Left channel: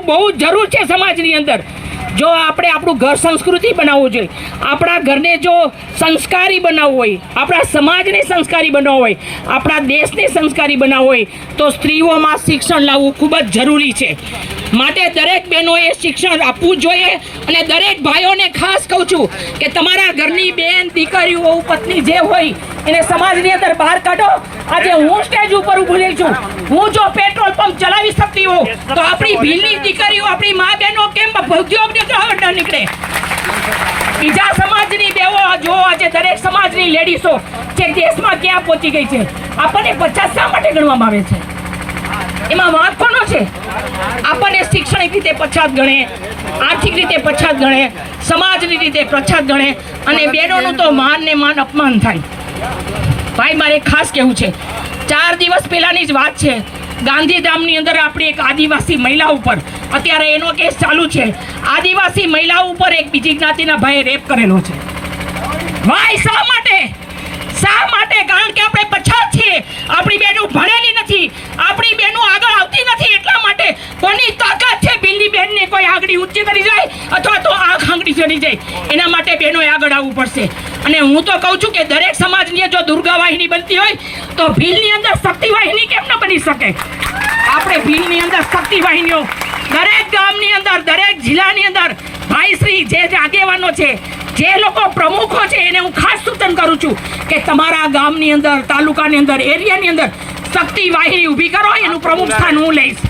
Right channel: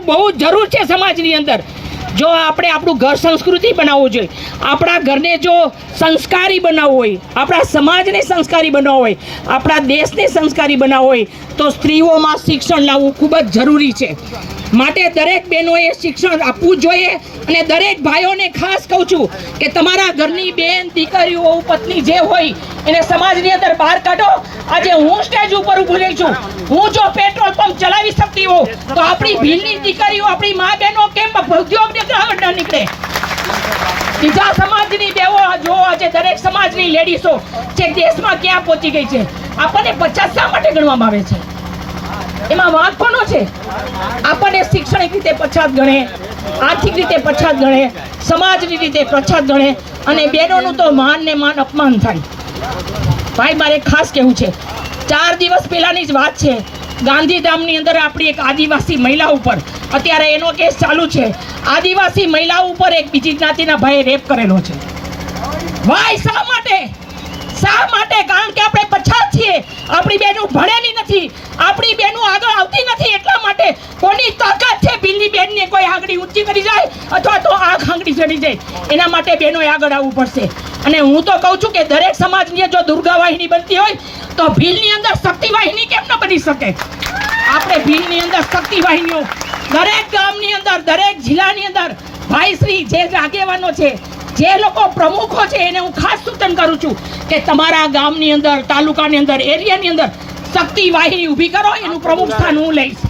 કરવાનું બહુ જરૂર છે સમાજની અંદર। જો આપણે આપણું ઘર સંસ્કૃતિ બનાવવું જોઈએ, આપણા ઘરને જો સંસ્કારી બનાવવું હોય, આપણા સમાજને સંસ્કારી બનાવવું હોય, આપણા દેશને સંસ્કારી બનાવવું હોય તો સ્ત્રીઓમાં શિક્ષણ લાવવું ખૂબ જ જરૂરી છે। માટે દરેક બહેનોએ શિક્ષણ આપવું જોઈએ અને દરેક ભાઈઓને ખાસ કહું છું કે તમારા ઘરની બેન, દીકરીઓ, પત્ની જે હોય એને સમાજની અંદર બહાર કાઢો। આજે હું સ્ટેજ ઉપર બોલેલ છું, હું જો પેટ્રોલ પંપ ચલાવી શકતી હોઉં તો આપણી ભીલની દીકરીઓ, આપણી મા બહેનો કેમ ઉદ્યોગ ન નીકળે? બીજા સમાજની બેવો જો આજે દરેક સમાજની લેડીઝો જે દેશમાં ક્યાં પહોંચી ગઈ છે, આપણને 50 શા માટે ગણવામાં આવે છે? એમાં વાંક કોનો છે? આપણને શૈક્ષણિક રીતે પછાત ગણે, આર્થિક રીતે પછાત ગણે, સમાજની રીતે પછાત ગણે અને બહેનોનું તો માન ને માન અપમાન થાય। ભાઈ મારે ખાસ કહેવું છે, 4 દિવસ પહેલાની જ વાત છે, ગાંધીધામની અંદર આપણી એક આદિવાસી મહિલા ઉપર અત્યારે એનો કેસ ચાલુ છે। આદિવાસી મહિલા ઉપર એક બીજી જ્ઞાતિના ભાઈએ રેપ કરેલો છે। ભાઈ શા માટે? શા માટે? કારણ કે આપણે પછાત છીએ, આપણી બહેનો ભણેલી નથી, આપણી બહેનો આગળ આવતી નથી। એટલા માટે કોની તાકાત છે ભીલની બહેનને કોઈ આંગળી ઊંચી કરી જાય અથવા તો આંખ આંગળી ચડી જાય? એના માટે બહેનોએ આગળ આવવું પડશે। અને હું તો કહું છું કે દરેક સમાજની જો દુર્ગા વાહિની બનતી હોય તો ભીલની અંદર શક્તિ વાહિની કેમ ન બની શકે? આપણે ભીલની અંદર શક્તિ વાહિનીઓ દરેક ગામની અંદર, દરેક જિલ્લાની અંદર ભાઈશ્રી જે આગેવાનો છે, જે લોકો પ્રમુખો છે, એને હું ખાસ સૂચન કરું છું કે તમારા ગામની અંદર, તાલુકાની અંદર, એરિયાની અંદર શક્તિ વાહિની ઊભી કરો, એનું પ્રમુખ સ્થાન હું લઈશ।